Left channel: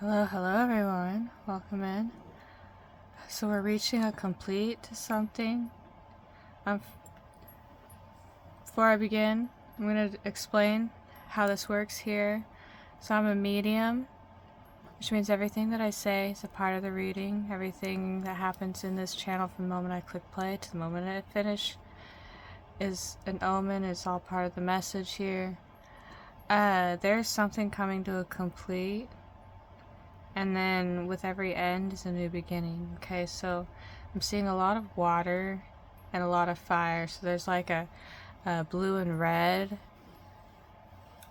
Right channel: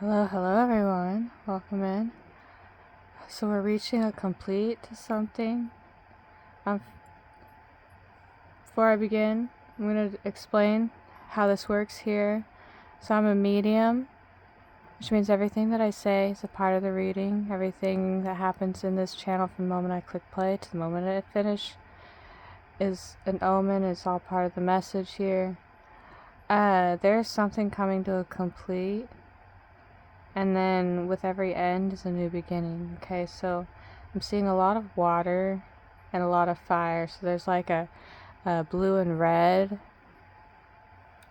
Hello, hello everyone. Welcome in. So we're reaching a complete to something. Um, Before I begin, I'm going to explain how this works here. So I'm a medium, which means everything that I say is a part of the reading. Everything that happens in this channel from the moment I click play to the moment I finish is an omen, is all part of the message here. There's something coming to a complete, and then with every end is a new beginning. Okay, so I'm seeing a lot of water and a lot of fire. So there's like a blue and red,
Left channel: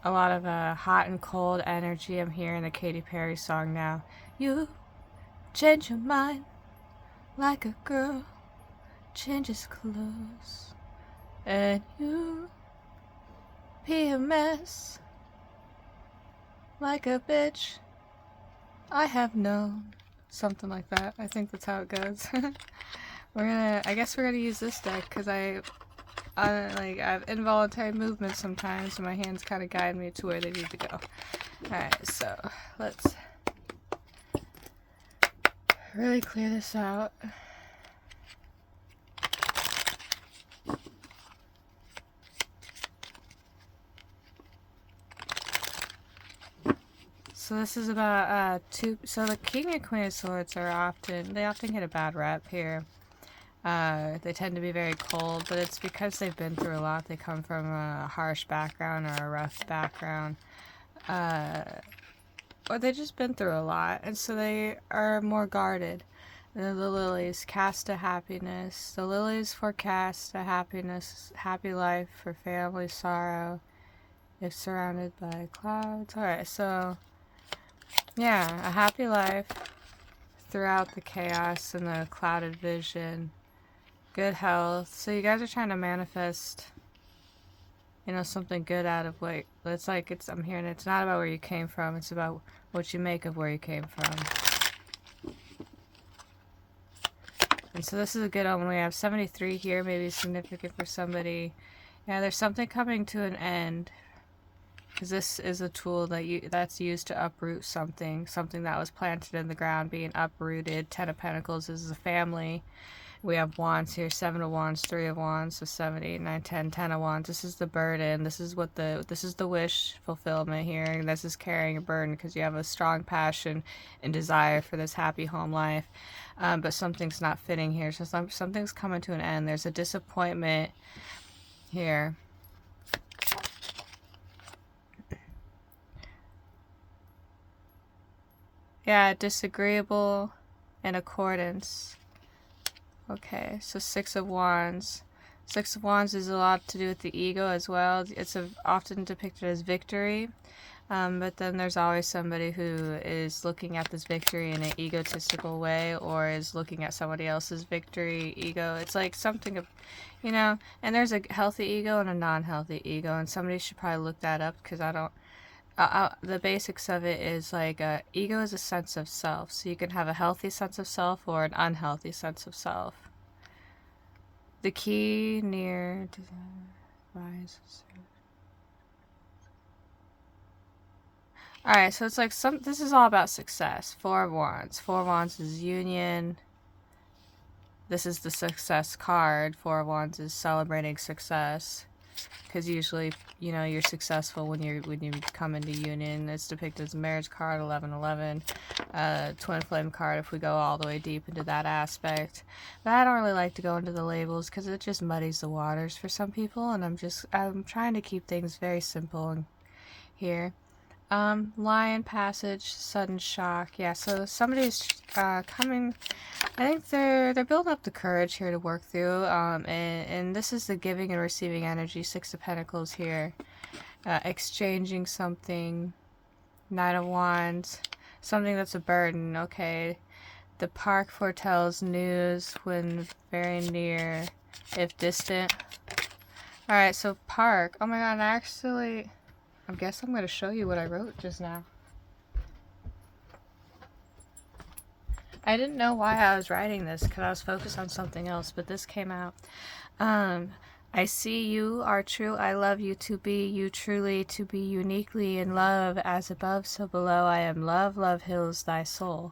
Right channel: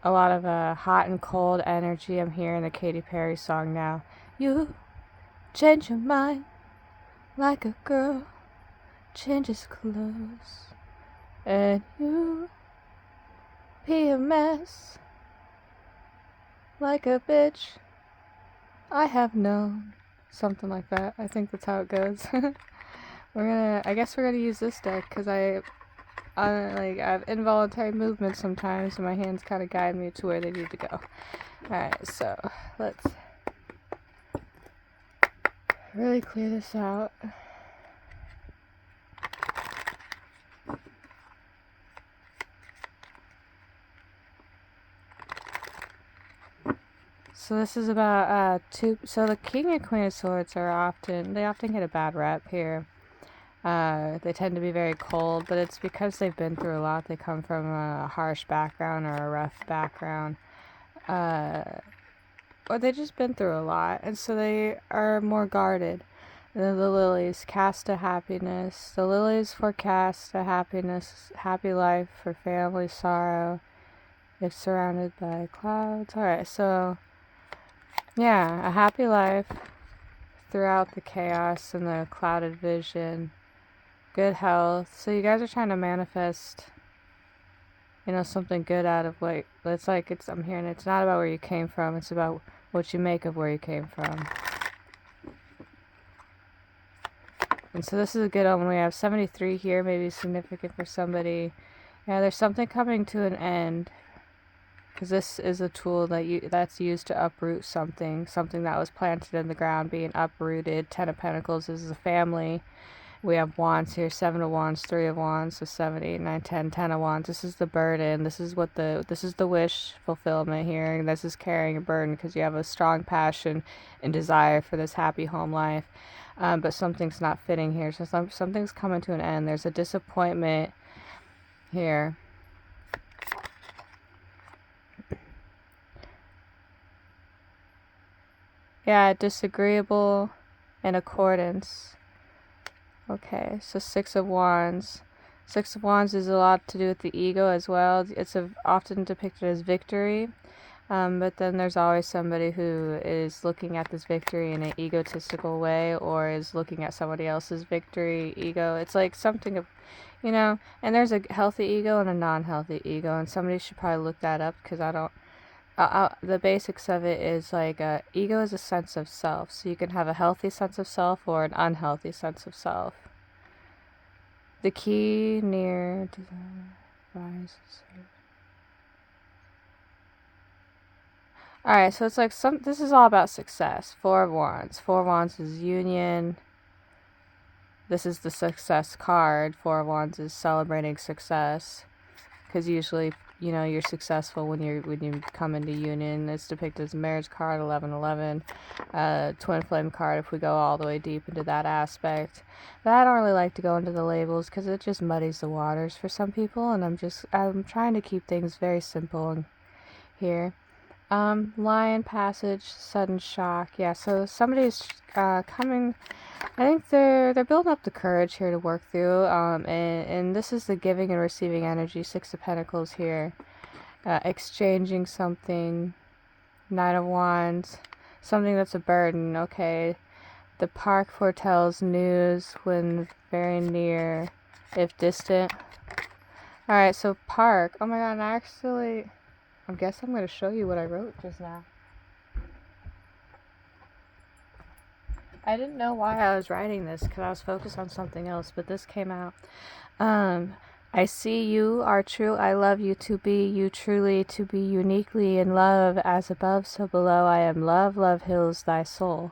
a lot of hot and cold energy. I'm hearing the Katy Perry song now. You change your mind like a girl changes clothes, and you be a mess like a bitch I have known. Something like that. I think that's how it goes. I guess we're gonna use this deck because I have involuntary movements sometimes, and my hands kind of guide me to where they need to go. Alright, so let's really clear this out. So this is about so the King and Queen of Swords they often get a bad rep here. They tend to be very cold, but it's because they've been through a lot. They come from a harsh background or a rough background. Or they just been through a lot, and so they are more guarded. The lilies cast a happiness. The lilies forecast a happiness, happy life for family sorrow if surrounded by clouds. Alright, so yeah, a happy life throughout the chaos and the clouded vision. Good health. So you guys are trying to manifest, something good out of what it's like. I'm hearing it's not about where you came from, it's about what you make of where you came from. And so this is a good omen. We have 73 here, maybe significant for somebody. Yeah, there's something coming to an end. Because this is a tool that's used to uproot something that was planted in the ground being uprooted. 10 of Pentacles is a family. We have wands here, 7 of wands, 3 of wands, so 7, 8, 9, 10, 10 of wands. This is the burden. This is the wish fulfillment here. And this is carrying a burden because you have a strong passion and desire for this happy home life. But something's not fitting here. So something's coming to an end. There's a disappointment here. Yeah, disagreeable in accordance. Okay, so 6 of wands. 6 of wands is a lot to do with the ego as well. It's often depicted as victory. But then there's always somebody who is looking at this victory in an egotistical way, or is looking at somebody else's victory, ego. It's like something of, and there's a healthy ego and a non-healthy ego, and somebody should probably look that up because I don't. The basics of it is like ego is a sense of self, so you can have a healthy sense of self or an unhealthy sense of self. The key near rises. Alright, so it's like this is all about success. 4 of wands. 4 of wands is union. This is the success card. 4 of wands is celebrating success. Because usually, you're successful when you come into union. It's depicted as a marriage card, 1111. Twin flame card if we go all the way deep into that aspect. But I don't really like to go into the labels because it just muddies the waters for some people. And I'm trying to keep things very simple here. Lion passage, sudden shock. Yeah, so somebody's coming. I think they're building up the courage here to work through. And this is the giving and receiving energy. 6 of Pentacles here. Exchanging something. 9 of Wands. Something that's a burden. Okay. The park foretells news when very near, if distant. Alright, so park. Oh my god, I guess I'm going to show you what I wrote just now. I didn't know why I was writing this because I was focused on something else, but this came out. I see you are true. I love you to be you truly, to be uniquely in love, as above, so below. I am love, love heals thy soul.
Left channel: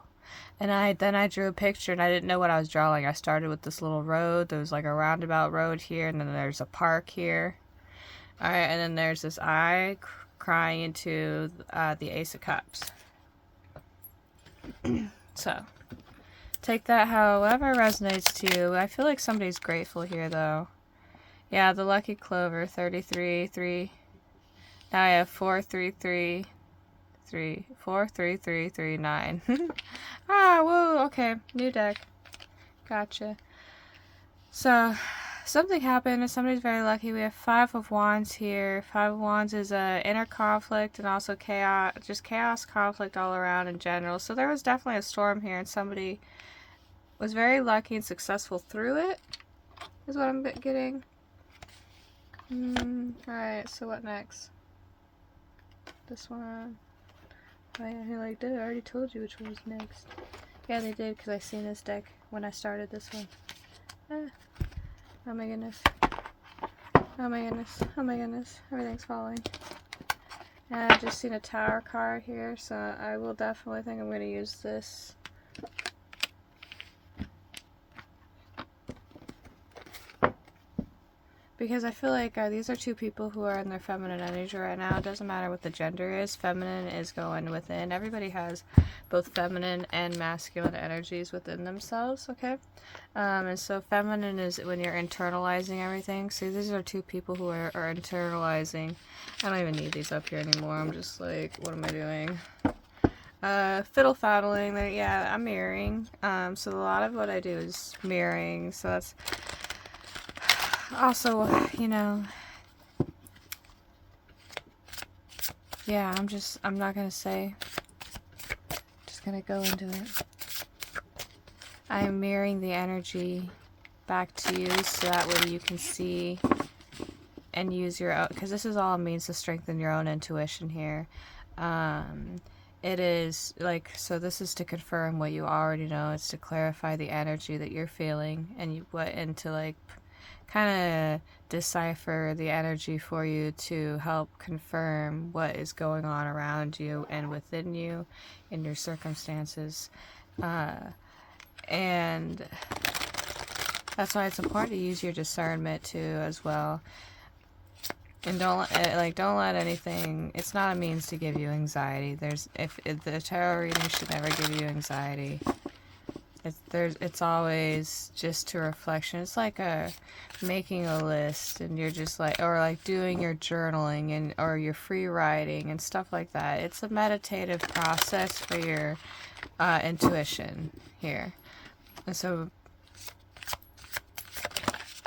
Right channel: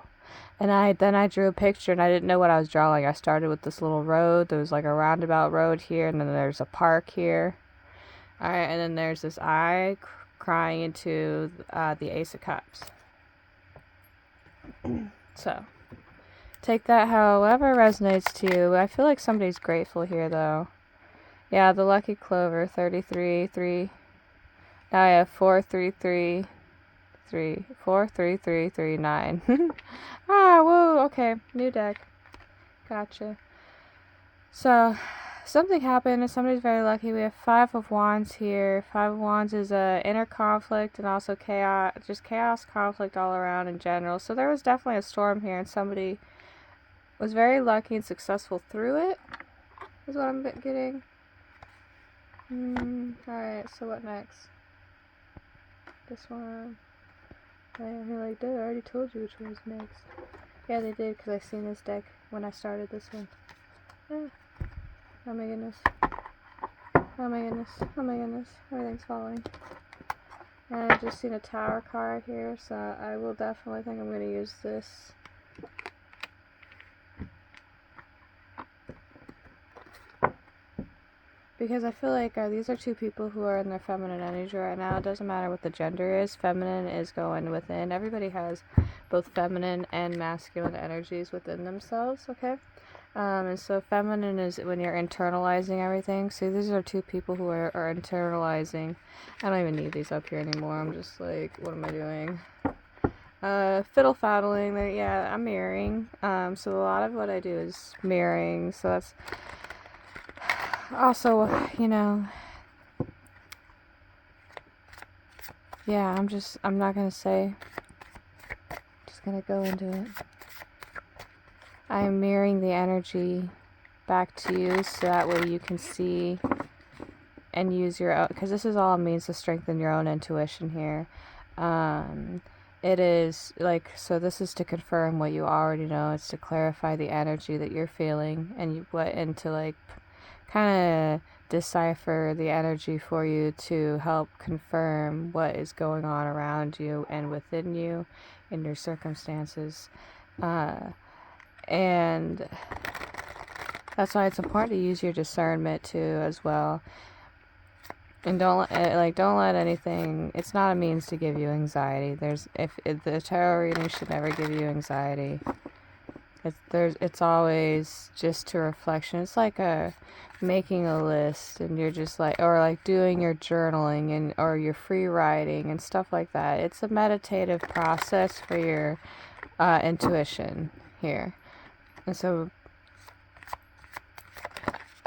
And I drew a picture and I didn't know what I was drawing. I started with this little road. There was like a roundabout road here, and then there's a park here. All right, and then there's this eye crying into the Ace of Cups. So take that however resonates to you. I feel like somebody's grateful here though. Yeah, the lucky clover, 33, 3. Now I have 4, 3, 3, 3, 4, 3, 3, 3, 9. Ah, whoa, okay, new deck. Gotcha. So, something happened and somebody's very lucky. We have 5 of Wands here. 5 of Wands is a inner conflict and also chaos, just chaos, conflict all around in general. So there was definitely a storm here and somebody was very lucky and successful through it, is what I'm getting. Alright, so what next? This one. Oh yeah, you're like, dude, I already told you which one was next. Yeah, they did, because I seen this deck when I started this one. Ah. Oh my goodness. Oh my goodness. Oh my goodness. Everything's falling. And I just seen a tower card here, so I will definitely think I'm going to use this. Because I feel like these are two people who are in their feminine energy right now. It doesn't matter what the gender is. Feminine is going within. Everybody has both feminine and masculine energies within themselves, okay? And so feminine is when you're internalizing everything. See, these are two people who are internalizing. I don't even need these up here anymore. I'm just like, what am I doing? Fiddle faddling. Yeah, I'm mirroring. So a lot of what I do is mirroring. So that's also, you know, yeah, I'm not gonna say, just gonna go into it. I'm mirroring the energy back to you so that way you can see and use your own, because this is all means to strengthen your own intuition here. It is like, so this is to confirm what you already know. It's to clarify the energy that you're feeling and to like kind of decipher the energy for you to help confirm what is going on around you and within you in your circumstances. And that's why it's important to use your discernment too as well. And don't let anything, it's not a means to give you anxiety. If the tarot reading should never give you anxiety. It's always just a reflection. It's like making a list, and you're just like, or like doing your journaling or your free writing and stuff like that. It's a meditative process for your intuition here. And so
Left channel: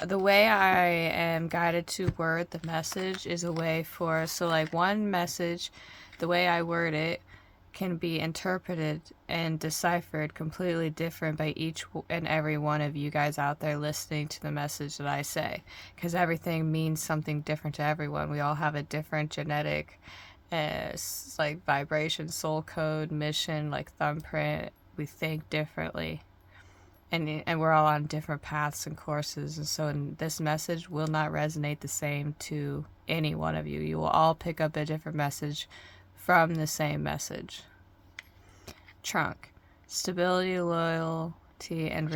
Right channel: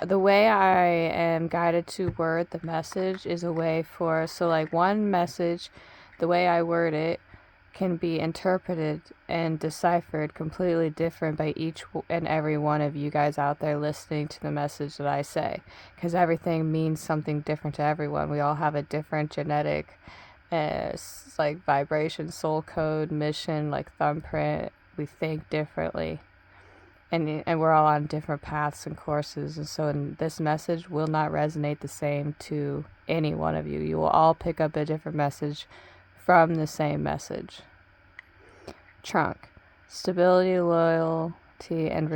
the way I am guided to word the message is a way for, so like one message, the way I word it can be interpreted and deciphered completely different by each and every one of you guys out there listening to the message that I say, because everything means something different to everyone. We all have a different genetic like vibration, soul code, mission, like thumbprint. We think differently, and we're all on different paths and courses, and so this message will not resonate the same to any one of you. You will all pick up a different message from the same message. Trunk. Stability, loyalty, and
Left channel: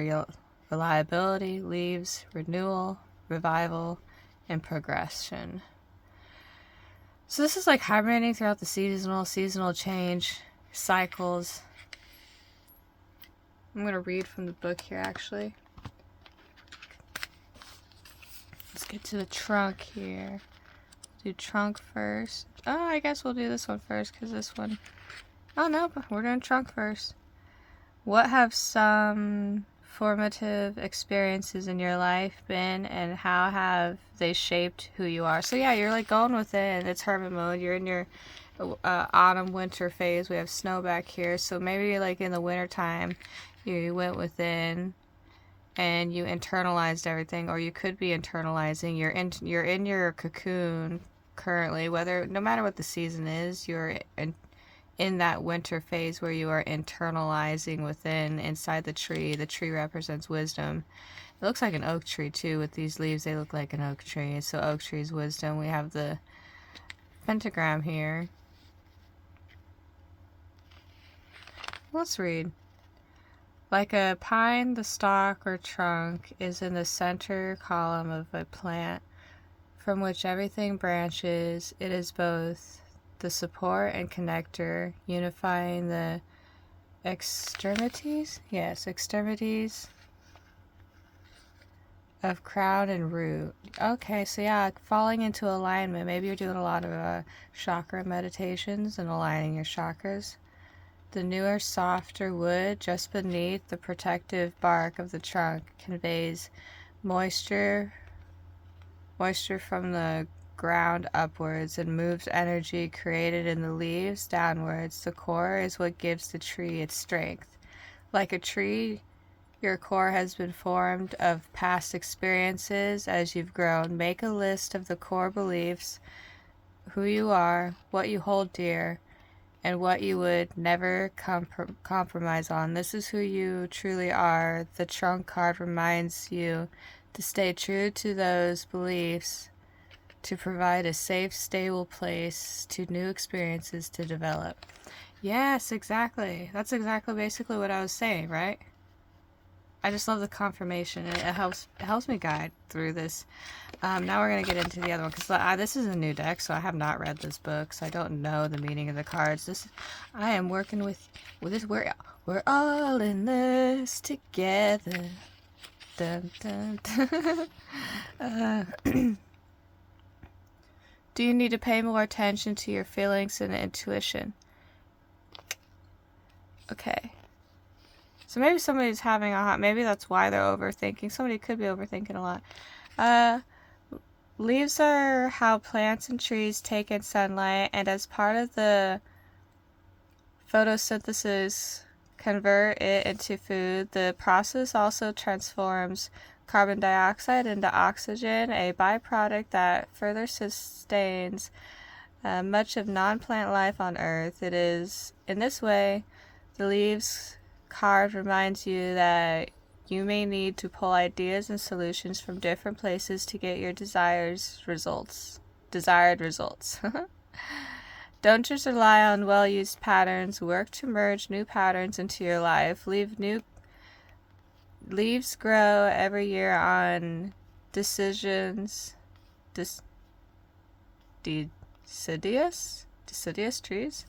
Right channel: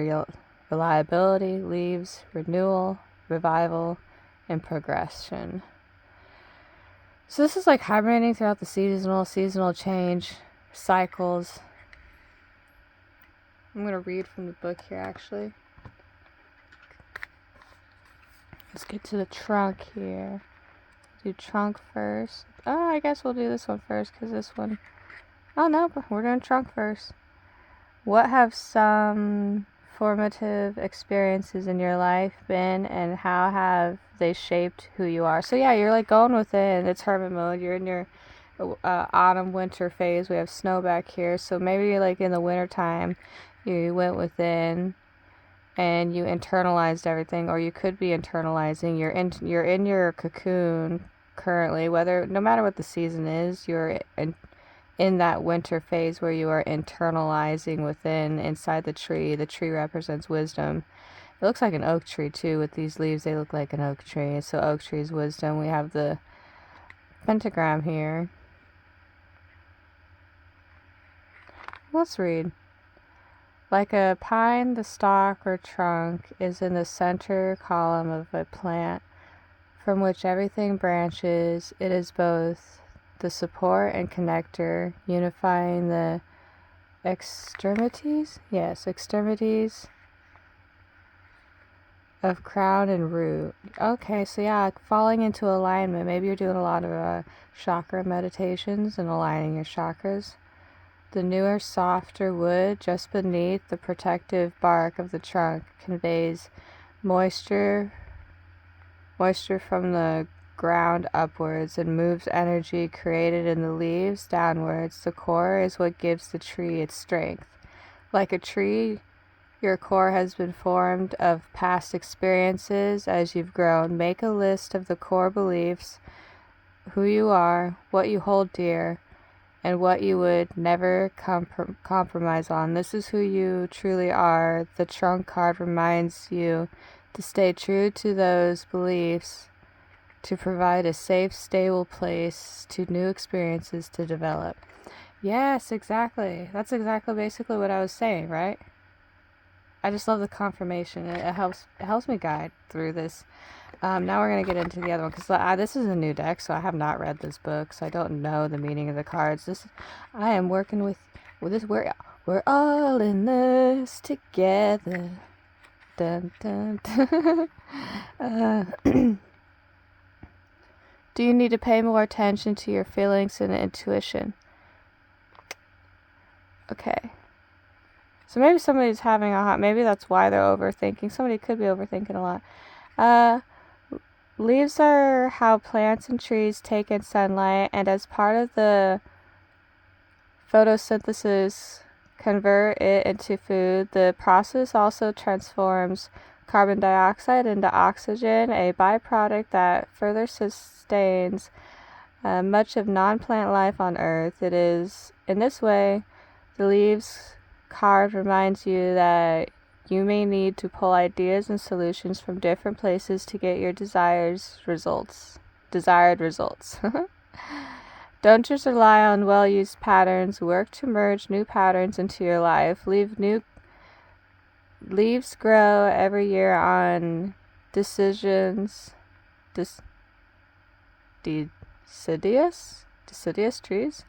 reliability. Leaves, renewal, revival, and progression. So this is like hibernating throughout the seasonal change, cycles. I'm going to read from the book here, actually. Let's get to the trunk here. Do trunk first. Oh, I guess we'll do this one first, because this one... Oh, no, but we're doing trunk first. What have some formative experiences in your life been, and how have they shaped who you are? So yeah, you're like going within. It's hermit mode. You're in your autumn winter phase. We have snow back here, so maybe you're like in the winter time you went within and you internalized everything, or you could be internalizing. You're in your cocoon currently, no matter what the season is. You're in that winter phase where you are internalizing within, inside the tree. The tree represents wisdom. It looks like an oak tree too. With these leaves, they look like an oak tree. So oak tree's wisdom. We have the pentagram here. Let's read. Like a pine, the stalk or trunk is in the center column of a plant from which everything branches. It is both the support and connector, unifying the extremities? Yes, extremities of crown and root. Okay, so yeah, falling into alignment. Maybe you're doing a lot of chakra meditations and aligning your chakras. The newer, softer wood just beneath the protective bark of the trunk conveys moisture from the ground upwards and moves energy created in the leaves downwards. The core is what gives the tree its strength. Like a tree, your core has been formed of past experiences as you've grown. Make a list of the core beliefs, who you are, what you hold dear, and what you would never compromise on. This is who you truly are. The trunk card reminds you to stay true to those beliefs, to provide a safe, stable place to new experiences to develop. Yes, exactly. That's exactly basically what I was saying, right? I just love the confirmation. It helps me guide through this. Now we're going to get into the other one, because this is a new deck, so I have not read this book, so I don't know the meaning of the cards. I am working with this. We're all in this together. Dun, dun, dun. Do you need to pay more attention to your feelings and intuition? Okay. So maybe somebody's having maybe that's why they're overthinking. Somebody could be overthinking a lot. Leaves are how plants and trees take in sunlight, and as part of the photosynthesis convert it into food. The process also transforms carbon dioxide into oxygen, a byproduct that further sustains much of non-plant life on Earth. It is in this way the leaves card reminds you that you may need to pull ideas and solutions from different places to get your desired results. Don't just rely on well-used patterns. Work to merge new patterns into your life. Leaves grow every year on deciduous trees.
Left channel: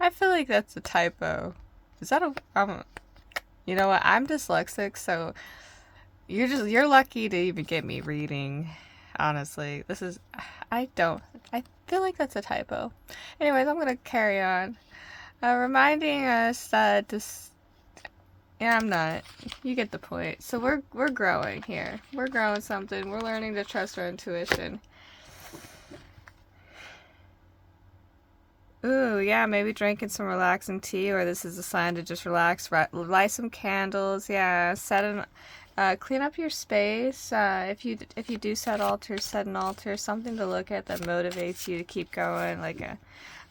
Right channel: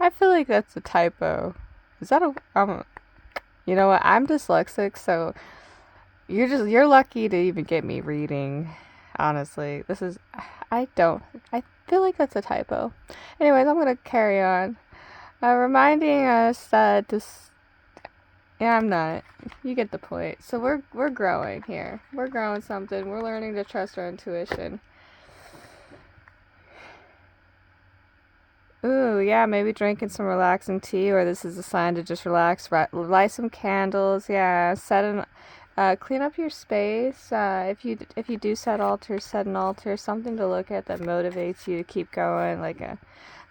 I feel like that's a typo. Is that you know what? I'm dyslexic, so you're lucky to even get me reading. Honestly, I feel like that's a typo. Anyways, I'm gonna carry on. Reminding us that yeah, I'm not. You get the point. So we're growing here. We're growing something. We're learning to trust our intuition. Ooh, yeah, maybe drinking some relaxing tea, or this is a sign to just relax. Light some candles. Yeah, clean up your space. If you do set an altar, something to look at that motivates you to keep going.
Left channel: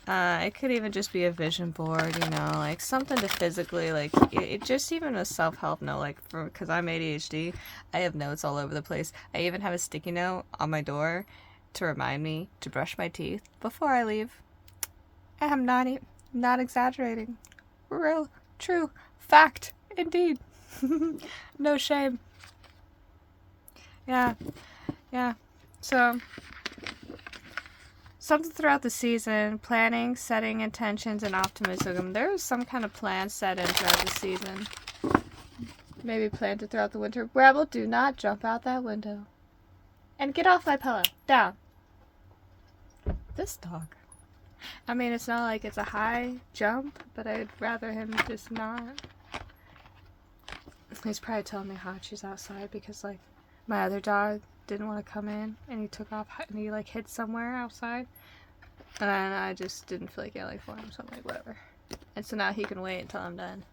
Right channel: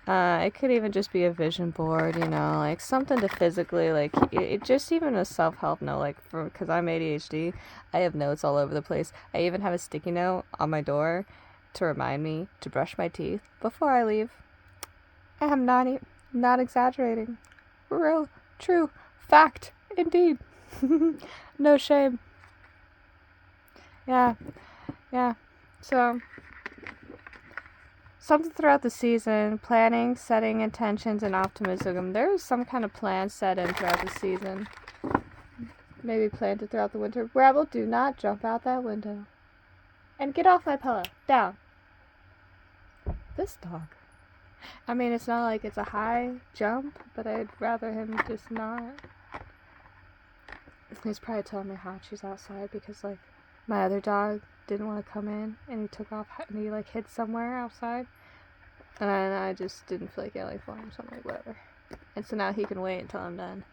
It could even just be a vision board, like something to physically, it just even a self-help note, because I'm ADHD, I have notes all over the place. I even have a sticky note on my door to remind me to brush my teeth before I leave. I am not exaggerating. Real, true, fact, indeed. No shame. Yeah. So, something throughout the season, planning, setting intentions, and optimism. There was some kind of plan set in throughout the season. Maybe planted throughout the winter. Rebel, do not jump out that window. And get off my pillow. Down. This dog. I mean, it's not like it's a high jump, but I'd rather him just not. He's probably telling me Hachi's outside because, my other dog didn't want to come in, and he took off, and he, hid somewhere outside, and I just didn't feel like yelling for him, so I'm like, whatever. And so now he can wait until I'm done,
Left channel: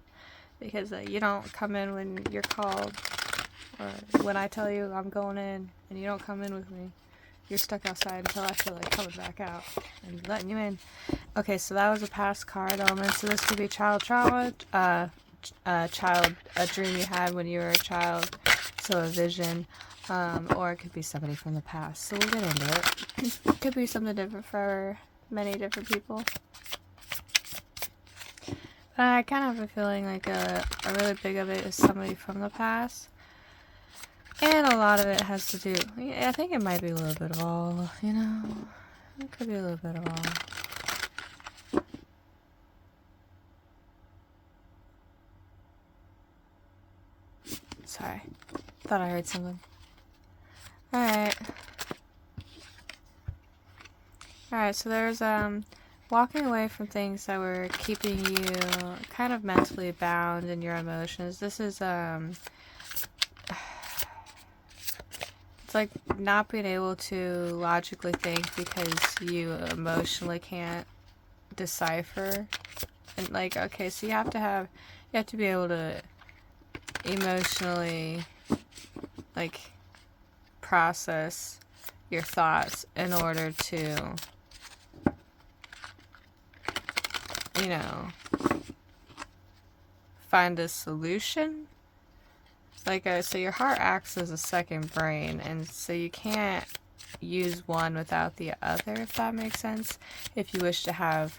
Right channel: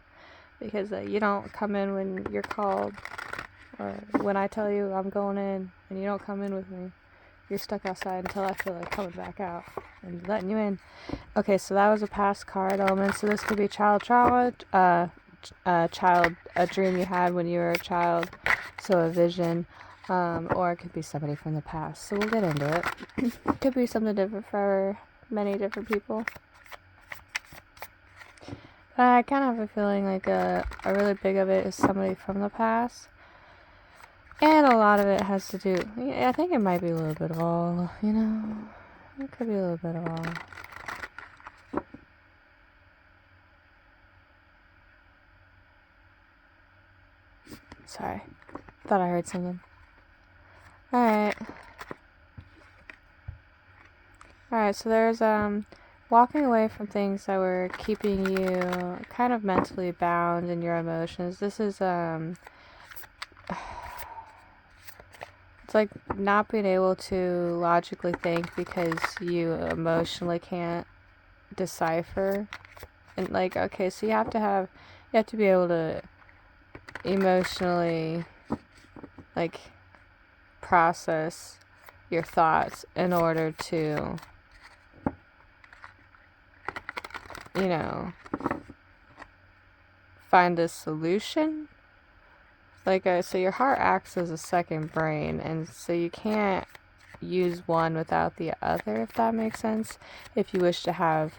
because you don't come in when you're called, or when I tell you I'm going in, and you don't come in with me. You're stuck outside until I feel like coming back out and letting you in. Okay, so that was a past card element. So this could be a dream you had when you were a child. So a vision, or it could be somebody from the past. So we'll get into it. It could be something different for many different people. But I kind of have a feeling like a really big of it is somebody from the past. And a lot of it has to do, I think it might be a little bit of all, you know? It could be a little bit of all. Sorry. Thought I heard something. Alright. Alright, so there's, walking away from things that were keeping you kind of mentally bound in your emotions. This is, it's like not being able to logically think because you emotionally can't decipher. And like, okay, so you have to be able to emotionally, like, process your thoughts in order to, you know, find a solution. Like, so your heart acts as a second brain, and so you can't use one without the other, if that makes sense, if you wish to have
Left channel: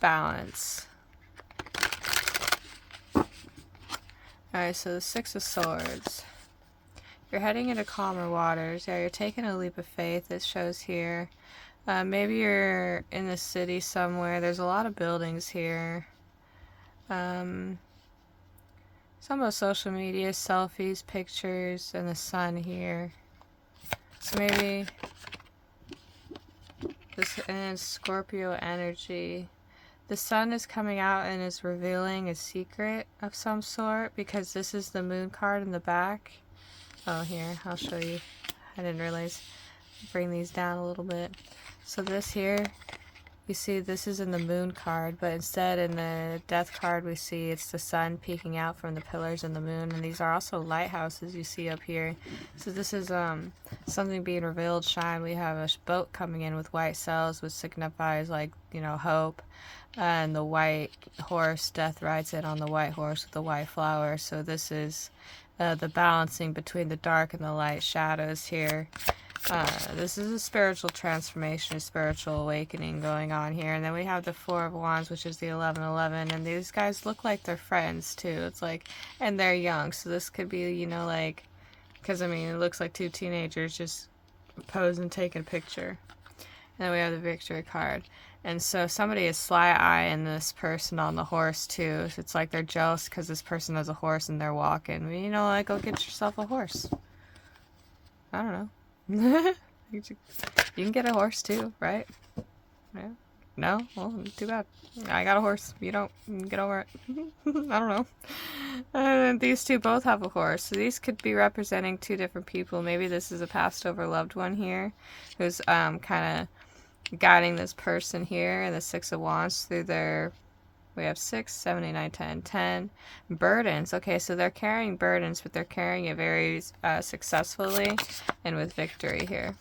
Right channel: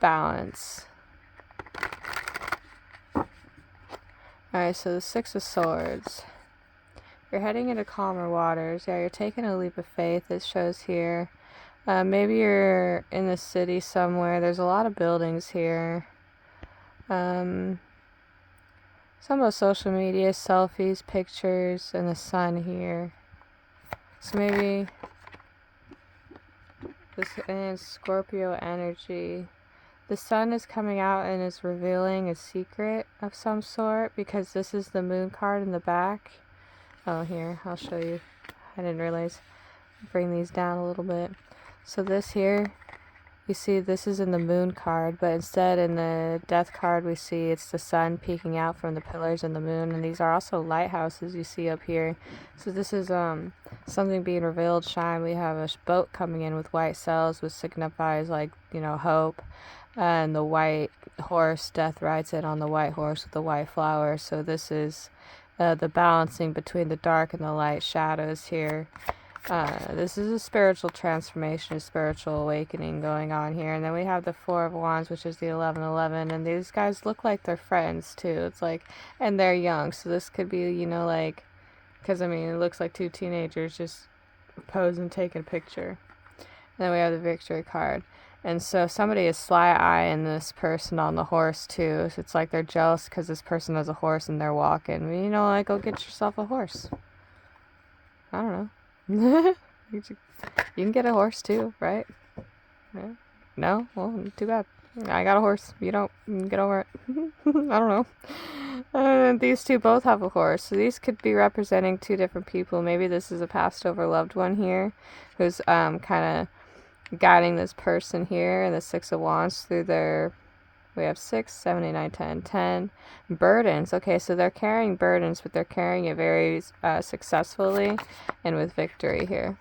balance. Alright, so the Six of Swords. You're heading into calmer waters. Yeah, you're taking a leap of faith, it shows here. Maybe you're in the city somewhere. There's a lot of buildings here. Some of social media, selfies, pictures, and the sun here. So maybe this, and Scorpio energy. The sun is coming out and is revealing a secret of some sort, because this is the moon card in the back. Oh, here, I'll show you. I didn't realize. Bring these down a little bit. So this here, you see this is in the moon card, but instead in the death card we see it's the sun peeking out from the pillars and the moon, and these are also lighthouses you see up here. So this is something being revealed, shine. We have a boat coming in with white sails, which signifies, like, you know, hope. And the white horse, death rides in on the white horse with the white flower. So this is the balancing between the dark and the light shadows here. This is a spiritual transformation, a spiritual awakening going on here. And then we have the Four of Wands, which is the 1111. And these guys look like they're friends, too. It's like, and they're young. So this could be, you know, like, because, I mean, it looks like two teenagers just posing, taking a picture. And then we have the Victory card. And so somebody is sly-eyeing this person on the horse, too. So it's like they're jealous because this person has a horse and they're walking. You know, like, go get yourself a horse. I don't know. You can get a horse too, right? Yeah. No? Well, too bad. I got a horse. You don't. Get over it. I don't know. These two both have a horse. So these could be representing two different people. Maybe this is a passed over loved one here who's kind of guiding this person here, and the Six of Wands through their, we have 6, 7, 8, 9, 10, 10 burdens. Okay, so they're carrying burdens, but they're carrying it very successfully and with victory here.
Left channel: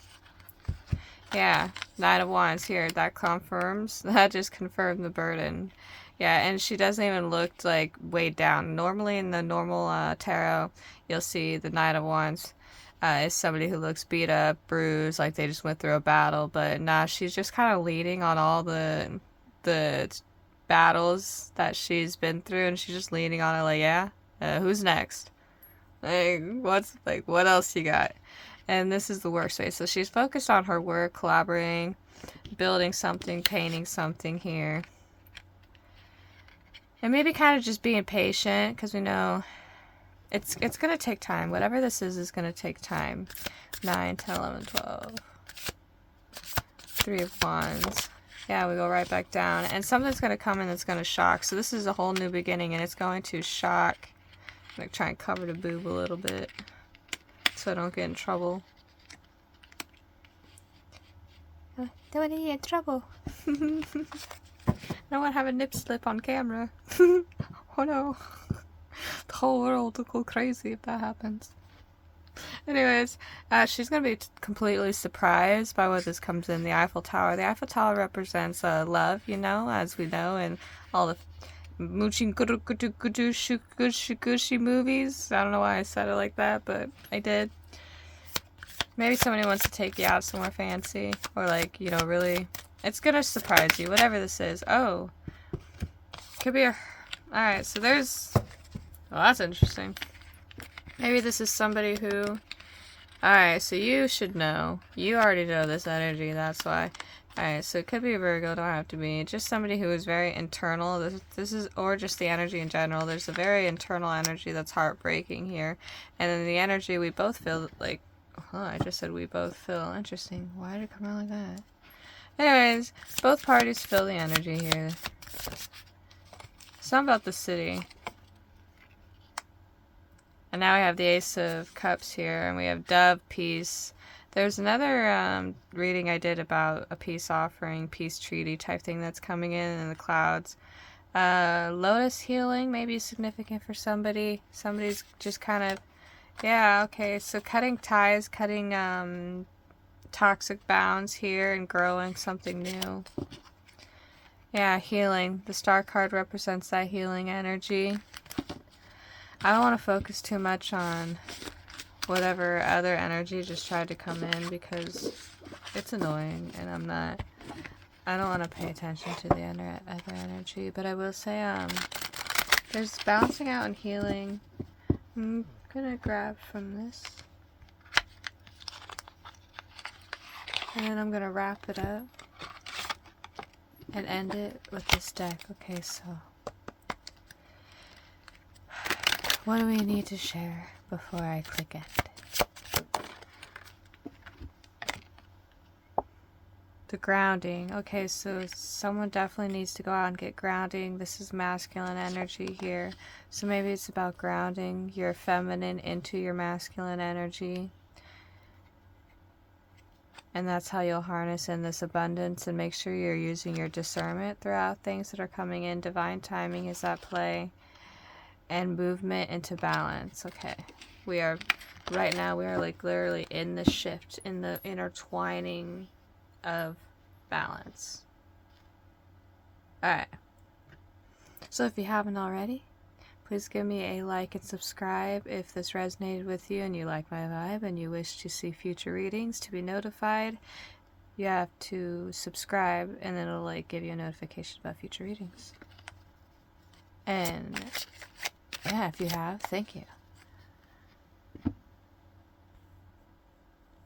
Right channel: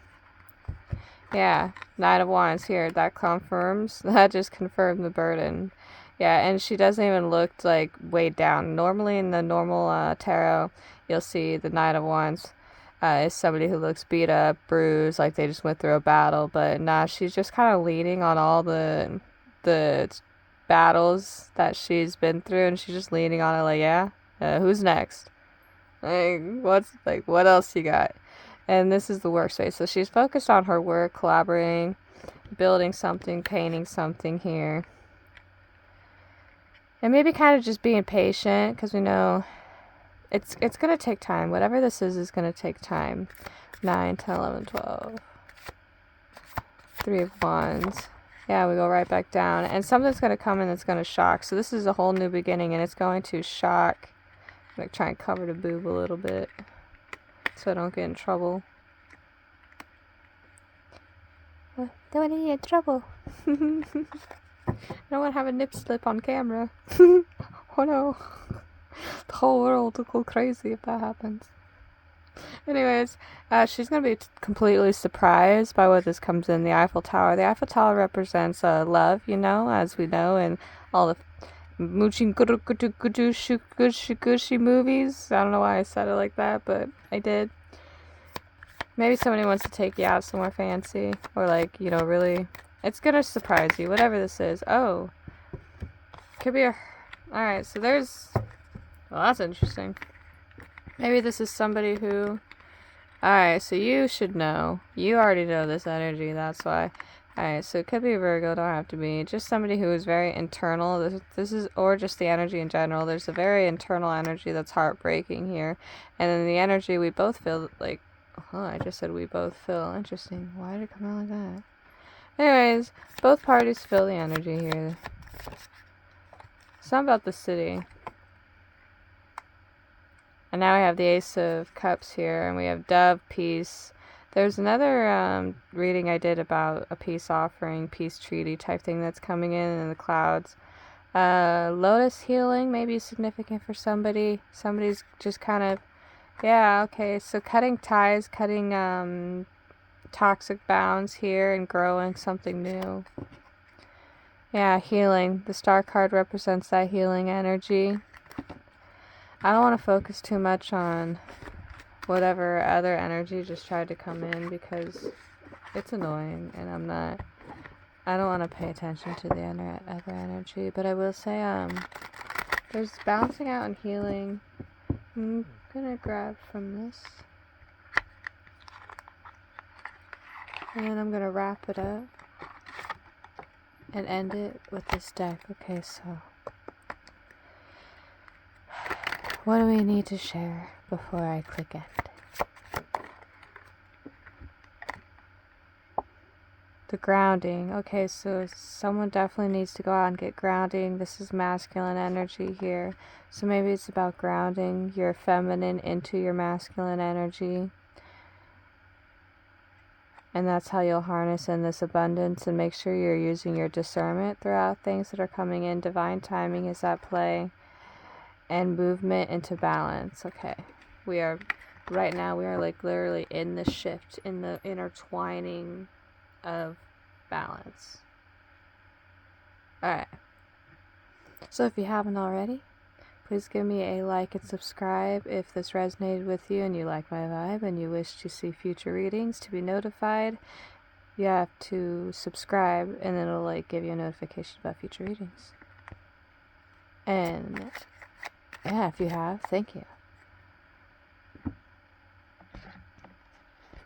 Yeah, Nine of Wands here, that confirms, that just confirmed the burden. Yeah, and she doesn't even look like weighed down. Normally in the normal tarot, you'll see the Nine of Wands is somebody who looks beat up, bruised, like they just went through a battle. But nah, she's just kind of leading on all the battles that she's been through, and she's just leaning on it like, yeah, who's next? Like, what else you got? And this is the workspace. So she's focused on her work, collaborating, building something, painting something here. And maybe kind of just being patient, because we know it's going to take time. Whatever this is going to take time. 9, 10, 11, 12. 3 of Wands. Yeah, we go right back down. And something's going to come in that's going to shock. So this is a whole new beginning, and it's going to shock. I'm going to try and cover the boob a little bit so I don't get in trouble. Don't want to get in trouble. I don't want to have a nip slip on camera. Oh no. The whole world will go crazy if that happens. Anyways, she's going to be completely surprised by what this comes in. The Eiffel Tower. The Eiffel Tower represents love, you know, as we know, and all the Mooching Gushi movies. I don't know why I said it like that, but I did. Maybe somebody wants to take you out somewhere fancy. Or like, you know, really... It's gonna surprise you, whatever this is. Oh. Could be a... Alright, so there's... Well, that's interesting. Maybe this is somebody who... Alright, so you should know. You already know this energy, that's why. Alright, so it could be Virgo, don't have to be. Just somebody who is very internal. This is, or just the energy in general. There's a very internal energy that's heartbreaking here. And then the energy we both feel like... Oh, I just said we both feel. Interesting. Why did it come out like that? Anyways, both parties feel the energy here. Something about the city. And now we have the Ace of Cups here, and we have Dove, Peace. There's another reading I did about a peace offering, peace treaty type thing that's coming in the clouds. Lotus healing may be significant for somebody. Somebody's just kind of... Yeah, okay, so cutting ties, cutting toxic bounds here and growing something new. Yeah, healing. The star card represents that healing energy. I don't want to focus too much on whatever other energy just tried to come in because it's annoying and I don't want to pay attention to the other energy, but I will say there's bouncing out and healing. I'm gonna grab from this. And then I'm going to wrap it up and end it with this deck. Okay, so what do we need to share before I click end? The grounding. Okay, so someone definitely needs to go out and get grounding. This is masculine energy here. So maybe it's about grounding your feminine into your masculine energy. And that's how you'll harness in this abundance and make sure you're using your discernment throughout things that are coming in. Divine timing is at play. And movement into balance. Okay. Right now we are like literally in the shift, in the intertwining of balance. Alright. So if you haven't already, please give me a like and subscribe if this resonated with you and you like my vibe and you wish to see future readings. To be notified, you have to subscribe and it'll like give you a notification about future readings. And yeah, if you have, thank you.